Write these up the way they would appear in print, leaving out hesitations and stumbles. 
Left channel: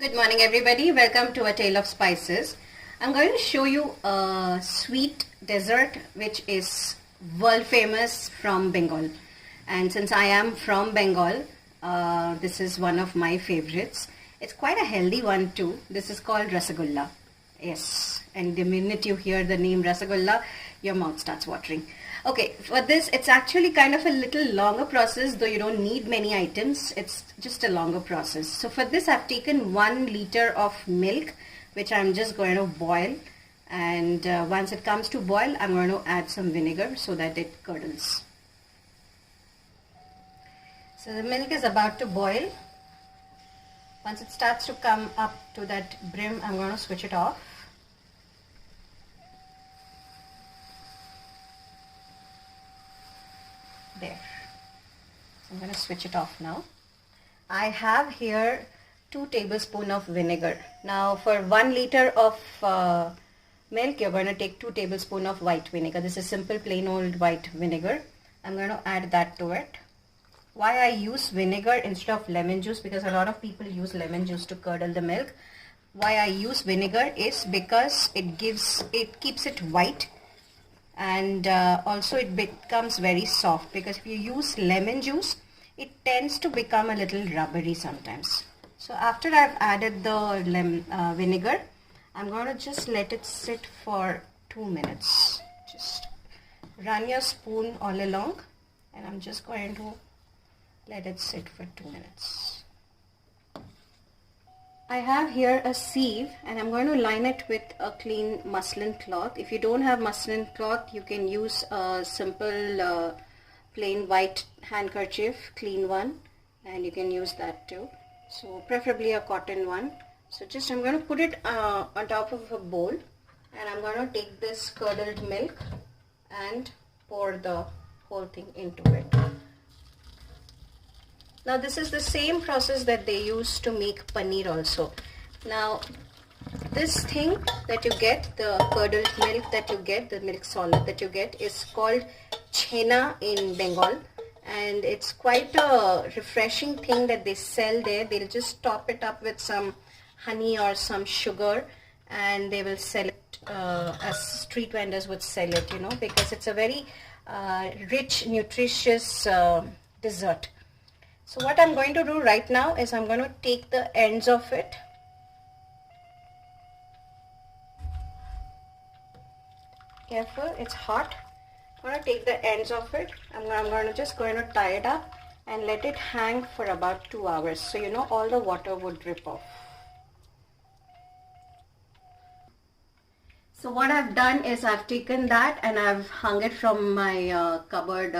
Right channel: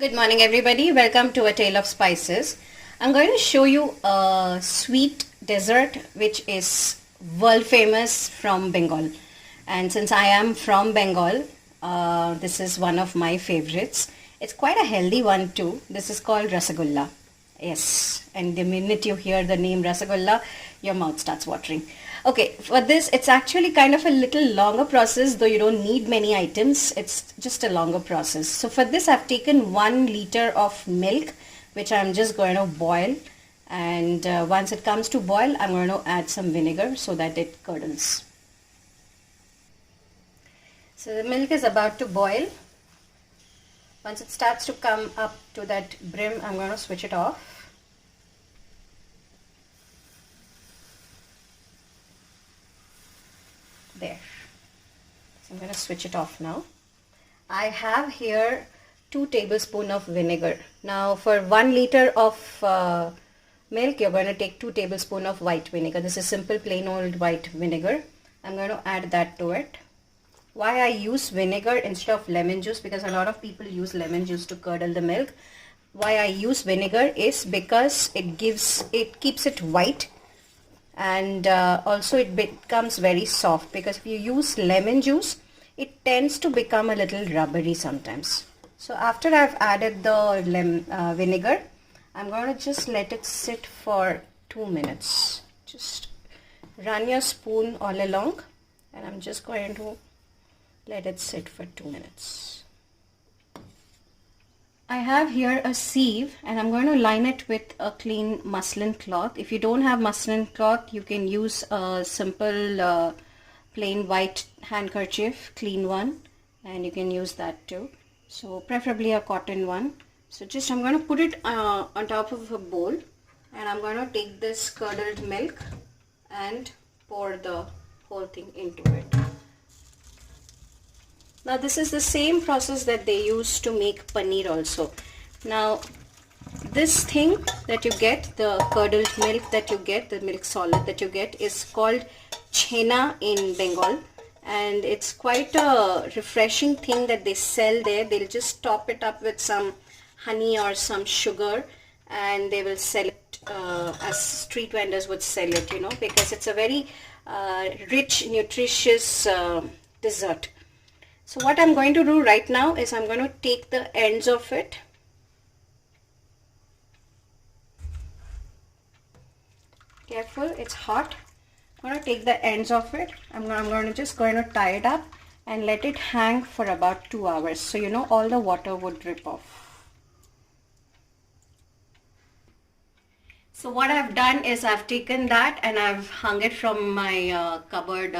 Good morning everybody, welcome to A Tale of Spices. I'm going to show you a sweet dessert which is world famous from Bengal. And since I am from Bengal, this is one of my favorites. It's quite a healthy one too. This is called Rasagulla. Yes, and the minute you hear the name Rasagulla, your mouth starts watering. Okay, for this it's actually kind of a little longer process, though you don't need many items. It's just a longer process. So for this I've taken 1 liter of milk, which I'm just going to boil, and once it comes to boil I'm going to add some vinegar so that it curdles. So the milk is about to boil. Once it starts to come up to that brim, I'm going to switch it off. There. So I'm going to switch it off now. I have here 2 tablespoons of vinegar. Now for 1 liter of milk, you're going to take 2 tablespoons of white vinegar. This is simple plain old white vinegar. I'm going to add that to it. Why I use vinegar instead of lemon juice, because a lot of people use lemon juice to curdle the milk. Why I use vinegar is because it keeps it white, and also it becomes very soft, because if you use lemon juice it tends to become a little rubbery sometimes. So after I've added the vinegar, I'm going to just let it sit for 2 minutes. Just run your spoon all along, and I'm just going to let it sit for 2 minutes. I have here a sieve, and I'm going to line it with a clean muslin cloth. If you don't have muslin cloth, you can use a simple plain white handkerchief, clean one, and you can use that too. So preferably a cotton one. So just I'm going to put it on top of a bowl, and I'm going to take this curdled milk and pour the whole thing into it. Now this is the same process that they use to make paneer also. Now this thing that you get, the curdled milk that you get, the milk solid that you get, is called chhena in Bengal, and it's quite a refreshing thing that they sell there. They'll just top it up with some honey or some sugar, and they will sell it as street vendors would sell it, you know, because it's a very rich, nutritious dessert. So what I'm going to do right now is I'm going to take the ends of it. Careful, it's hot. I'm going to take the ends of it. I'm just going to tie it up and let it hang for about 2 hours. So you know all the water would drip off. So what I've done is I've taken that and I've hung it from my cupboard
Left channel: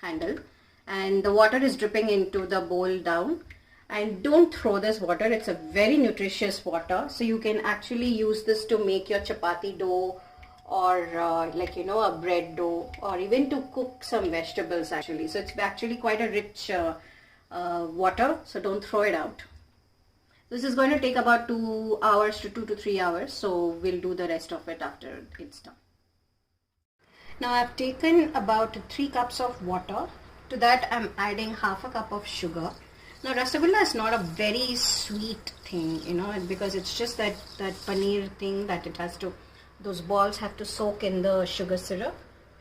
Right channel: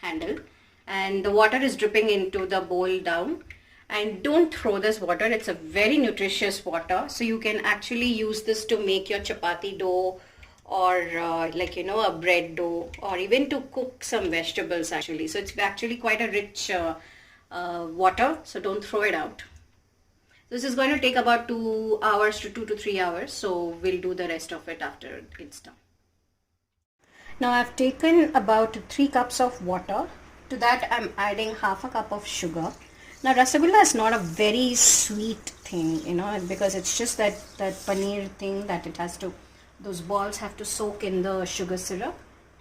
handle. And the water is dripping into the bowl down. And don't throw this water, it's a very nutritious water, so you can actually use this to make your chapati dough, or like, you know, a bread dough, or even to cook some vegetables actually. So it's actually quite a rich water, so don't throw it out. This is going to take about 2 hours to 2 to 3 hours, so we'll do the rest of it after it's done. Now I've taken about 3 cups of water. To that I'm adding half a cup of sugar. Now Rasagulla is not a very sweet thing, you know, because it's just that paneer thing that it has to, those balls have to soak in the sugar syrup,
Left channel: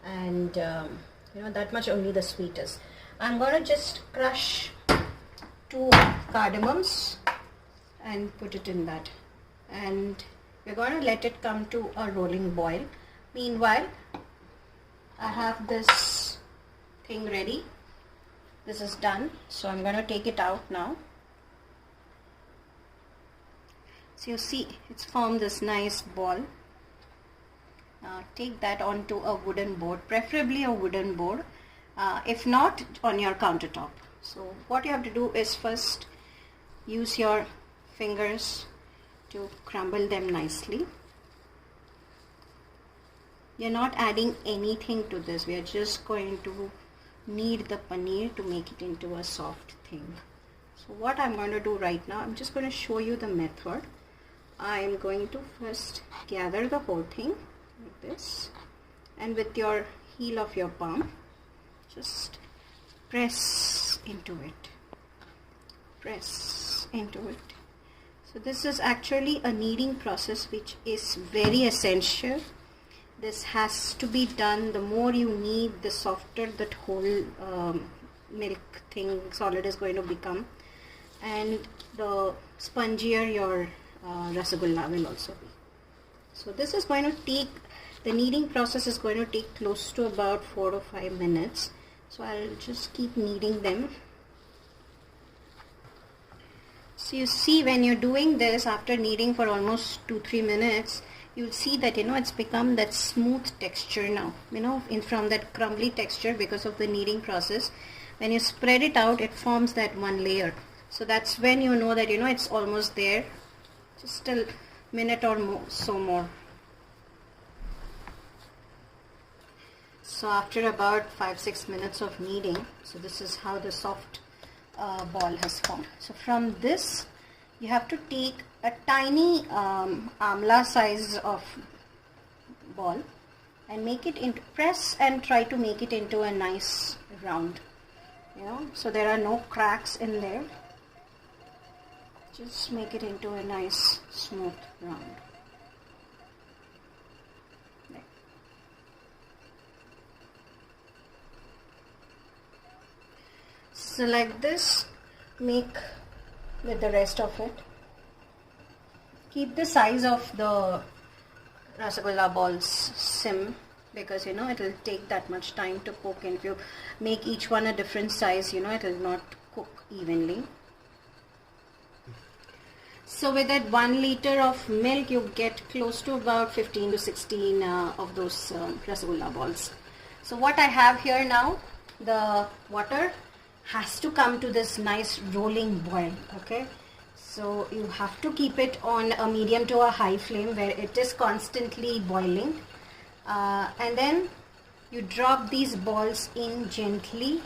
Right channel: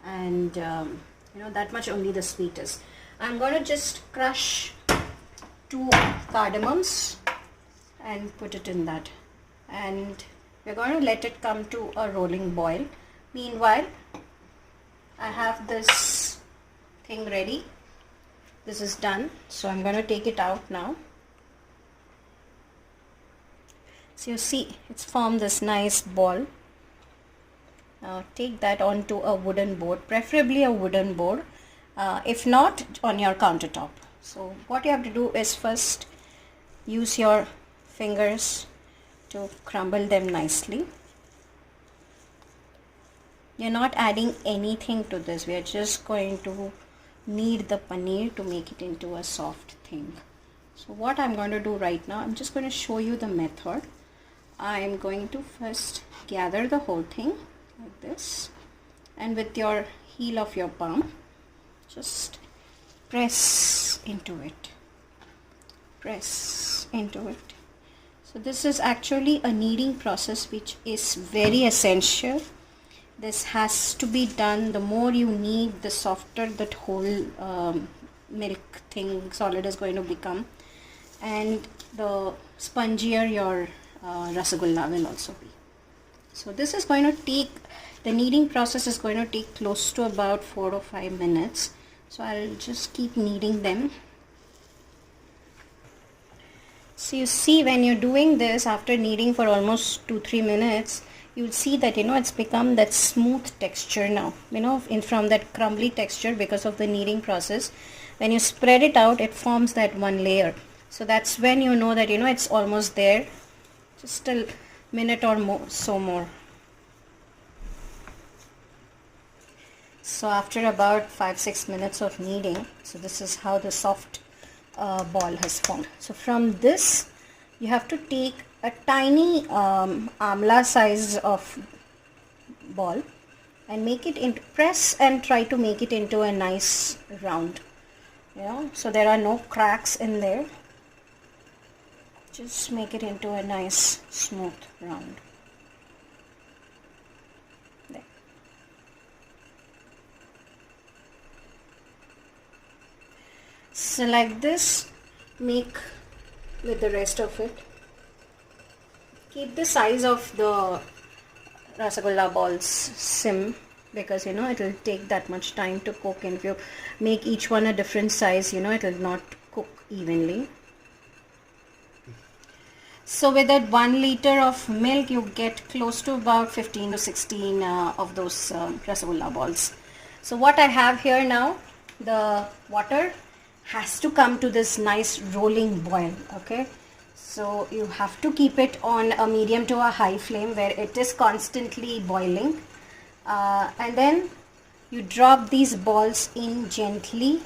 and you know, that much only the sweet is. I'm going to just crush 2 cardamoms and put it in that, and we're going to let it come to a rolling boil. Meanwhile, I have this thing ready. This is done, so I'm going to take it out now. So you see it's formed this nice ball. Now take that onto a wooden board, preferably a wooden board, if not on your countertop. So what you have to do is first use your fingers to crumble them nicely. You're not adding anything to this, we are just going to knead the paneer to make it into a soft thing. So what I'm going to do right now, I'm just going to show you the method. I'm going to first gather the whole thing like this, and with your heel of your palm just press into it, press into it, So this is actually a kneading process which is very essential. This has to be done. The more you knead, the softer that whole milk thing solid is going to become, and the spongier your rasgulla will also be. So this is going to take, the kneading process is going to take close to about 4 to 5 minutes. So I'll just keep kneading them. So you see, when you're doing this after kneading for almost 2-3 minutes, you'll see that it's become that smooth texture now, from that crumbly texture because of the kneading process. When you spread it out, it forms that one layer. So that's when you know that it's almost there. Just a minute or more. So after about 5-6 minutes of kneading, so this is how the soft ball has formed. So from this you have to take a tiny amla size of ball and make it into, press and try to make it into a nice round, so there are no cracks in there. Just make it into a nice smooth round. There. So like this, make with the rest of it. Keep the size of the rasgulla balls sim, because it will take that much time to cook, and if you make each one a different size, it will not cook evenly. So with that 1 liter of milk, you get close to about 15 to 16 of those rasgulla balls. So what I have here now, the water has to come to this nice rolling boil. Okay, so you have to keep it on a medium to a high flame where it is constantly boiling, and then you drop these balls in gently,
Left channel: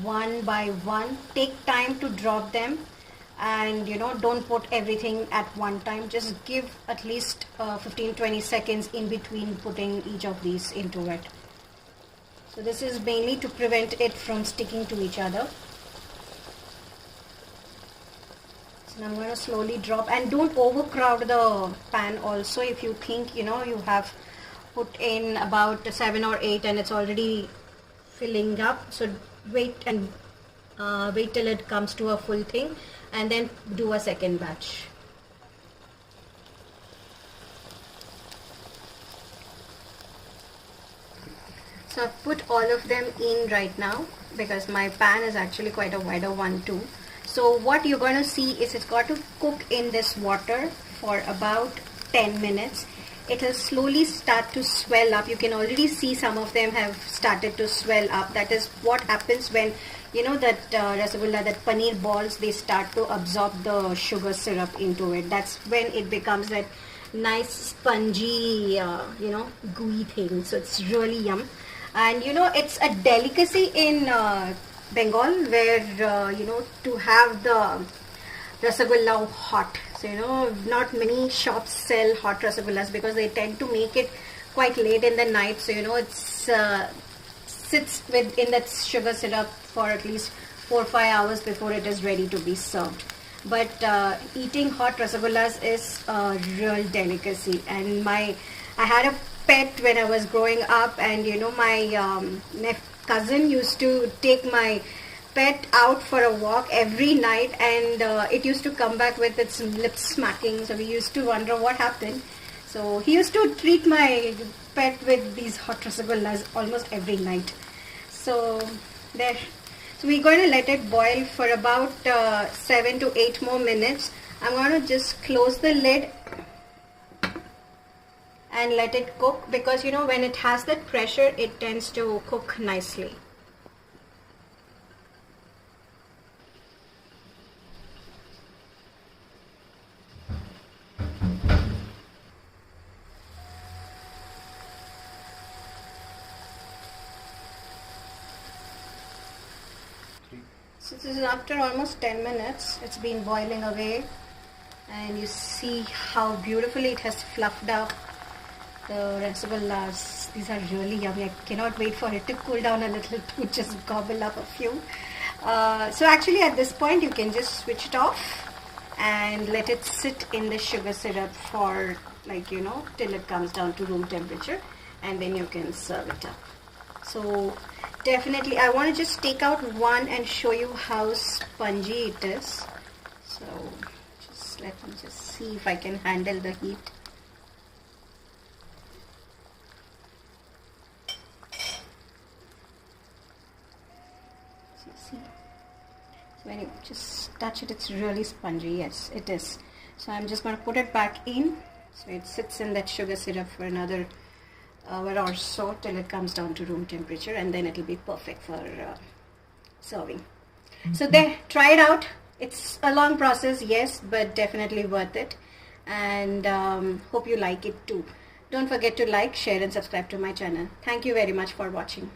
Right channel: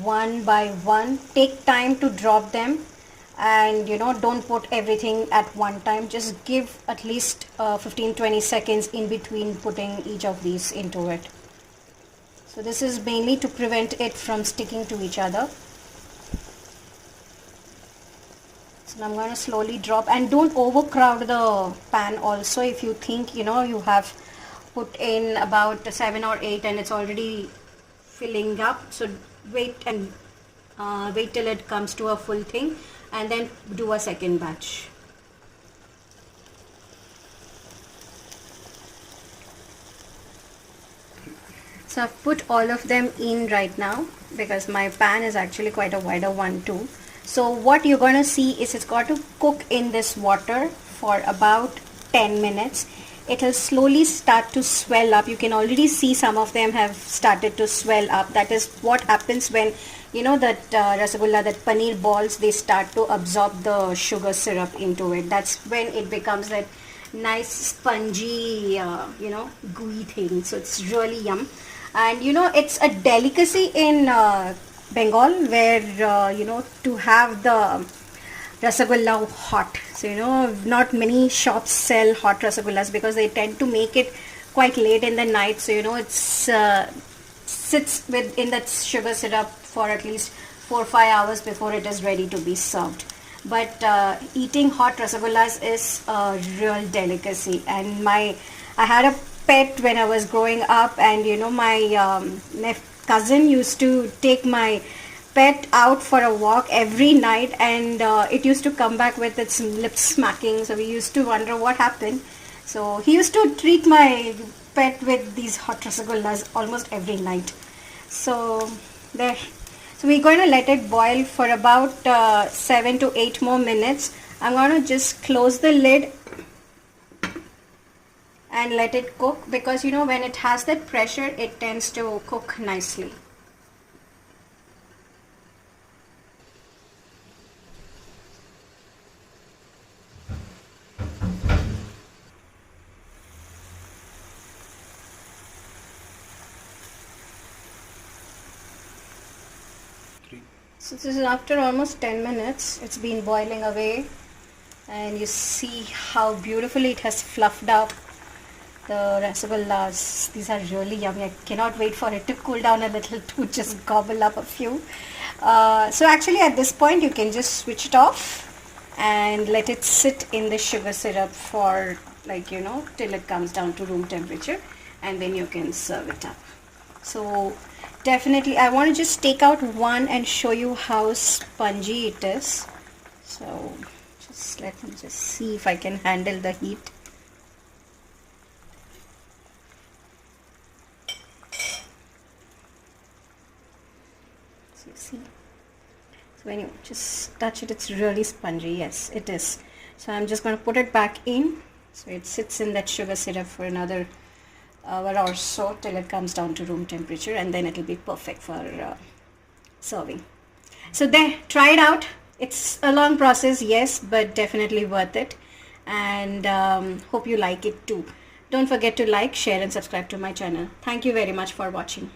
one by one. Take time to drop them, and don't put everything at one time. Just give at least 15-20 seconds in between putting each of these into it. So this is mainly to prevent it from sticking to each other. So I'm going to slowly drop, and don't overcrowd the pan also. If you think you have put in about 7 or 8 and it's already filling up, so wait till it comes to a full thing, and then do a second batch. So I've put all of them in right now because my pan is actually quite a wider one too. So what you're going to see is it's got to cook in this water for about 10 minutes. It will slowly start to swell up. You can already see some of them have started to swell up. That is what happens when that rasgulla, that paneer balls, they start to absorb the sugar syrup into it. That's when it becomes that nice spongy gooey thing. So it's really yum. And it's a delicacy in Bengal where to have the rasgulla hot. So not many shops sell hot rasgullas because they tend to make it quite late in the night. So it's sits in that sugar syrup for at least 4 or 5 hours before it is ready to be served. But eating hot rasgullas is a real delicacy. And I had a pet when I was growing up, and my cousin used to take my pet out for a walk every night, and it used to come back with its lips smacking. So we used to wonder what happened. So he used to treat my pet with these hot rasgullas almost every night. So there. So we're going to let it boil for about 7 to 8 more minutes. I'm going to just close the lid and let it cook, because when it has that pressure, it tends to cook nicely. So this is after almost 10 minutes. It's been boiling away, and you see how beautifully it has fluffed up. The rasgullas, these are really yummy. I cannot wait for it to cool down a little to just gobble up a few. So actually at this point you can just switch it off, and let it sit in the sugar syrup for, like, you know, till it comes down to room temperature, and then you can serve it up. So definitely I want to just take out one and show you how spongy it is. So just let me just see if I can handle the heat. So see, so when you just touch it, it's really spongy. Yes, it is. So I'm just going to put it back in, so it sits in that sugar syrup for another hour or so till it comes down to room temperature, and then it'll be perfect for serving. So there, try it out. It's a long process, yes, but definitely worth it, and hope you like it too. Don't forget to like, share and subscribe to my channel. Thank you very much for watching.